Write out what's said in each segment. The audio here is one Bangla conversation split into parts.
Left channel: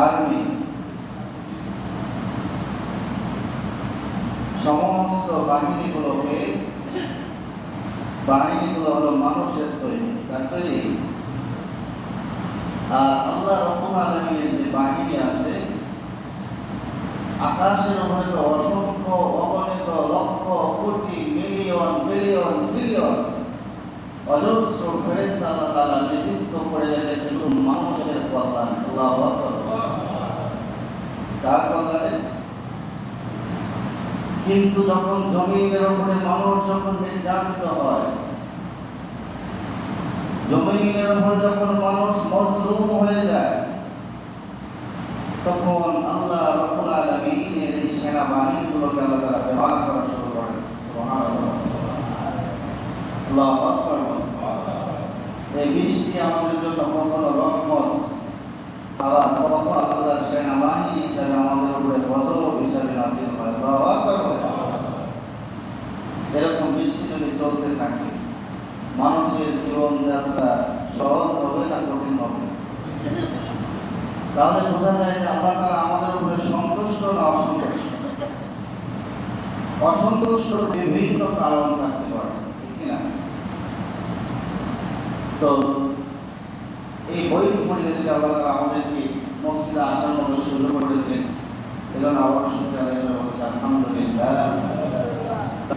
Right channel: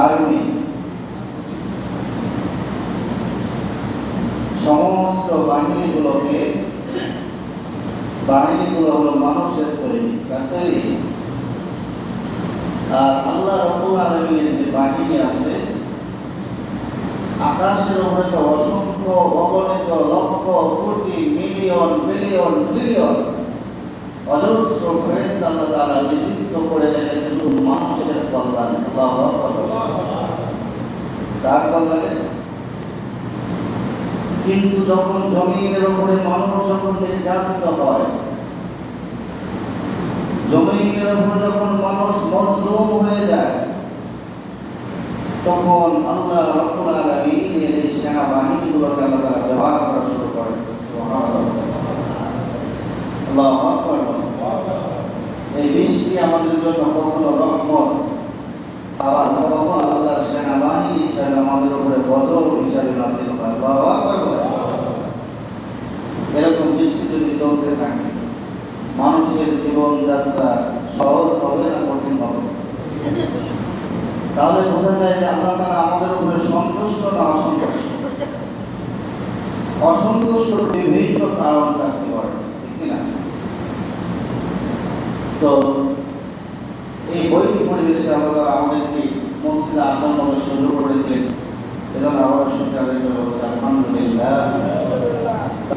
আর্মি সমস্ত বাহিনীগুলো হলো মানুষের তৈরি, তার তৈরি। আর আল্লাহ রাব্বুল আলামিনের যে বাহিনী আছে, আকাশের উপরে তো অসংখ্য অগণিত lakh crore million billion trillion অজস্র ফেরেশতা আল্লাহ তাআলা নিযুক্ত করে রেখেছেন মানুষের কল্যাণে। আল্লাহু আকবার। তার কল্যাণে। কিন্তু যখন জমিনের উপরে মানুষ যখন নির্যাতিত হয়, জমিনের উপরে যখন মানুষ মজলুম হয়ে যায়, তখন আল্লাহ রাব্বুল আলামিনের এই সেনাবাহিনীগুলোকে আল্লাহ তাআলা ব্যবহার করা শুরু করেন। আল্লাহু আকবার। এই বৃষ্টি আমাদের জন্য কখনো রহমত, আবার কখনো আল্লাহর সেনাবাহিনী হিসাবে আমাদের উপরে গজব হিসাবে নাযিল হয়। আল্লাহু আকবার। এরকম বৃষ্টি যদি চলতে থাকে, মানুষের জীবনযাত্রা সহজ হবে না কঠিন হবে? তাহলে বোঝা যায় যে আল্লাহ তাআলা আমাদের উপরে সন্তুষ্ট না অসন্তুষ্ট। অসন্তুষ্ট বিভিন্ন কারণ থাকতে পারে, ঠিক না? তো এই বৈদিক পরিবেশে আল্লাহ তাআলা আমাদেরকে মসজিদে আসার মতো সুযোগ করে দিলেন। এজন্য আবার শুকরিয়া বলছি আলহামদুলিল্লাহ।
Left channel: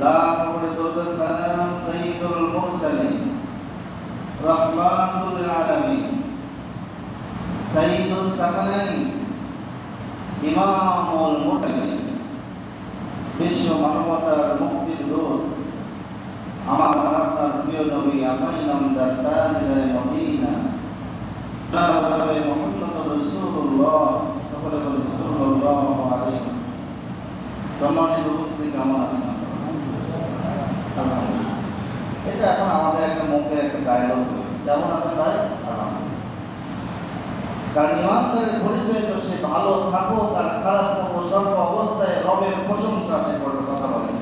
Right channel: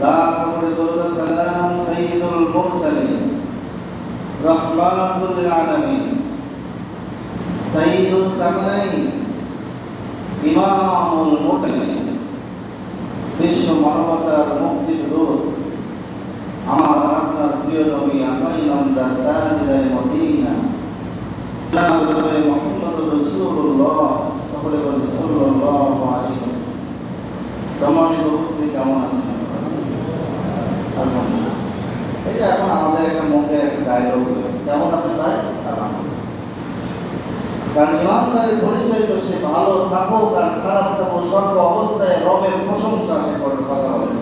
তারপরে দরুদ সালাম সাইয়্যিদুল মুরসালিন রাহমাতুল লিল আলামিন সাইয়্যিদুস সাকলাইন ইমামুল মুরসালিন বিশ্ব মানবতার মুক্তির দূত আমার আপনার প্রিয় নবী আমিনামদার তাজদার মদিনা জনাবে মুহাম্মদুর রাসূলুল্লাহ সাল্লাল্লাহু আলাইহি ওয়াসাল্লাম। সম্মানিত উপস্থিতি, কেমন আছেন? আলহামদুলিল্লাহ। এটা এখন আমাদের একটা মধ্যে একটা ডায়লগ হয়েছে, কেমন আছেন ভাই? আলহামদুলিল্লাহ। কারণ ইমানদারের পরিচয় তো সে ভালো থাকুক আর খারাপ থাকুক, সর্ব অবস্থায় রবের প্রশংসা সে করে। কথা বলেন।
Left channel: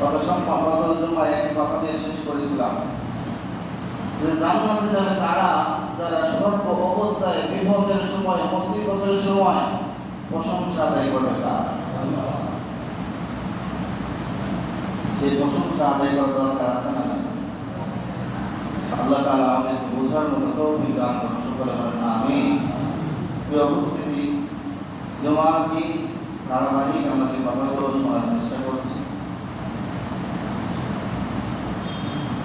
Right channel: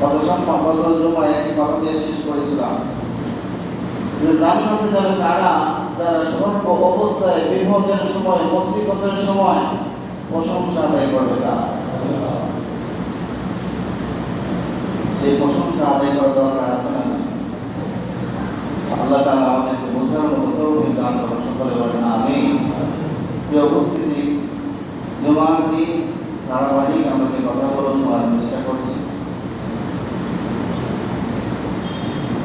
গত সম্মান গত জুমায় একটি কথা দিয়ে শেষ করেছিলাম যে জান্নাতে যাবে তারা যারা সর্ব অবস্থায় বিপদের সময়, মুসিবতের সময় প্রশংসা আদায় করবে। তারা সেই প্রশংসা আদায় করার দরকার আছে না? আল্লাহ তাআলা আমাদেরকে বোঝার মতো তৌফিক দান করুন। সকলে বলেন আমিন। প্রিয় উপস্থিতি, জুমার দিন ধারাবাহিক আমাদের কথাগুলো শোনার চেষ্টা করছি।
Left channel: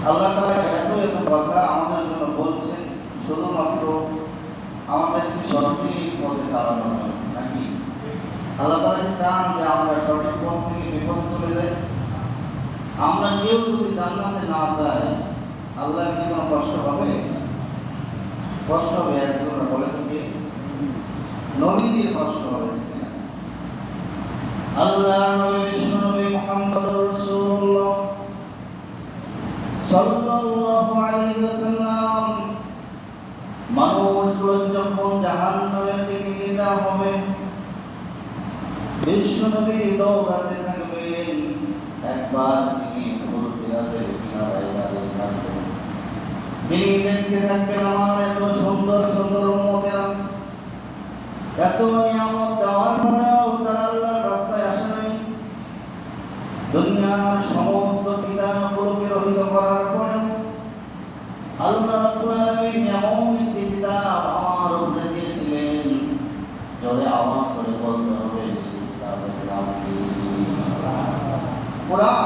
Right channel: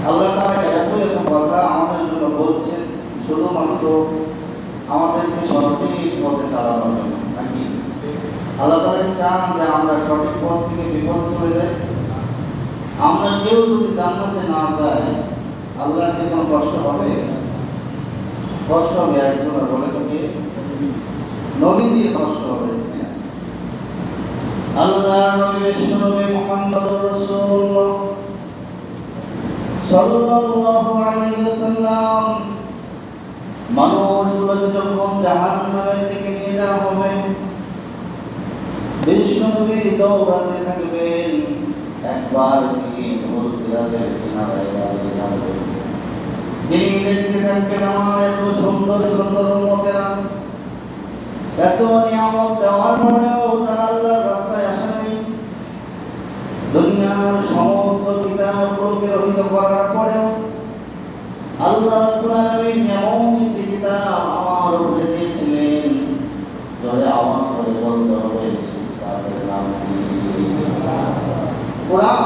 আল্লাহ তাআলা এত কথা আমাদের জন্য বলছেন শুধুমাত্র আমাদেরকে সঠিক পথে চালানোর জন্য, নাকি? আল্লাহ তাআলা চান যে আমরা সঠিক পথ থেকে বিপদে চলে যাই। আমরা কেউ যদি জান্নাতে না যাই, আল্লাহর কি কোনো কষ্ট হবে? কষ্ট হবে। একজনের বলে তোকে নবীজির কষ্ট হবে। আল্লাহর নবী বিশ্বনবী মুহাম্মদুর রাসূলুল্লাহ সাল্লাল্লাহু আলাইহি ওয়াসাল্লাম মানুষগুলো যখন জাহান্নামের দিকে নিয়ে যাওয়া হবে, বিশ্বনবী দৌড়াতে থাকবেন। একবার তিনি সিরাতের কিনারায় দাঁড়িয়ে থাকবেন। তিনি দেখতে থাকবেন আমার এত সুন্দর সুন্দর উম্মতেরা এত নিয়ামত দেওয়ার পরেও তারা আল্লাহর রাস্তায় আসে নাই। দুনিয়ার সমস্ত কিতাবগুলোকে রহিত করার পরেও আল্লাহ রাব্বুল আলামিন এমন একটি কিতাব আমার উপরে দিয়েছিলেন, যাতে আওয়াজ করে বলতে হবে সেই কিতাবের নাম কি? কোরআন।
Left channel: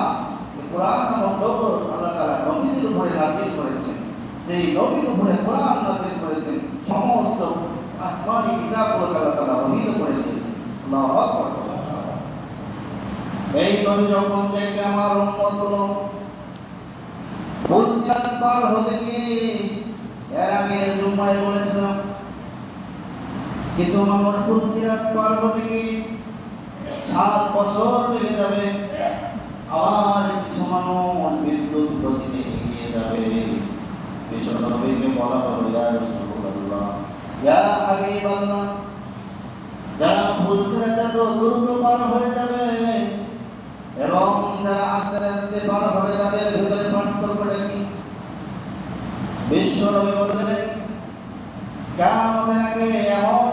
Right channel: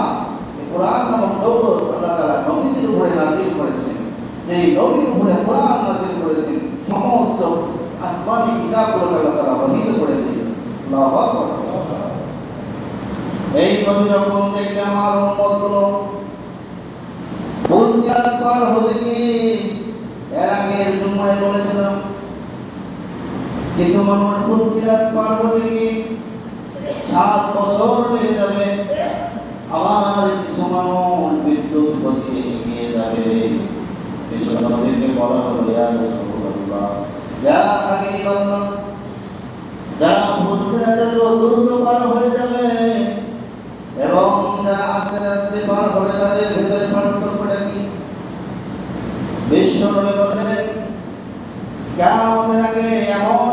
কোরআন নামক দৌলত আল্লাহ তাআলা নবীজির উপরে নাযিল করেছেন। যে নবীর উপরে কোরআন নাযিল করেছেন, সমস্ত আসমানি কিতাবগুলোকে আল্লাহ তাআলা বর্ণিত করেছেন। আল্লাহু আকবার। এই নবী যখন দেখবে আমার উম্মতগুলো বুলসিরাত পার হতে গিয়ে, এর আগে জুম্মায় বলেছিলাম কিছু মানুষ বুলসিরাত পার হতে গিয়ে 7 বছর লেগে যাবে, আবার কিছু মানুষ বিদ্যুৎ গতিতে এগিয়ে যাবে। বিশ্বনবীকে বলা হলো ইয়া রাসূলুল্লাহ, ইয়া হাবিবাল্লাহ, যারা বুলসিরাত এত দ্রুত পার হয়ে যাবে এবং যারা আস্তে আস্তে পার হবে তাদের ভিতরে পার্থক্যটা কি? বিশ্বনবী বলেন কিয়ামতের আগে এমন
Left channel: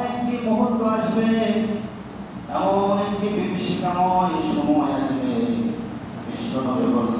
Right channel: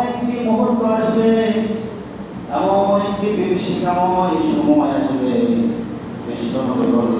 এমন একটি বিভীষিকাময় সময় আসবে, বিশ্বনবী বললেন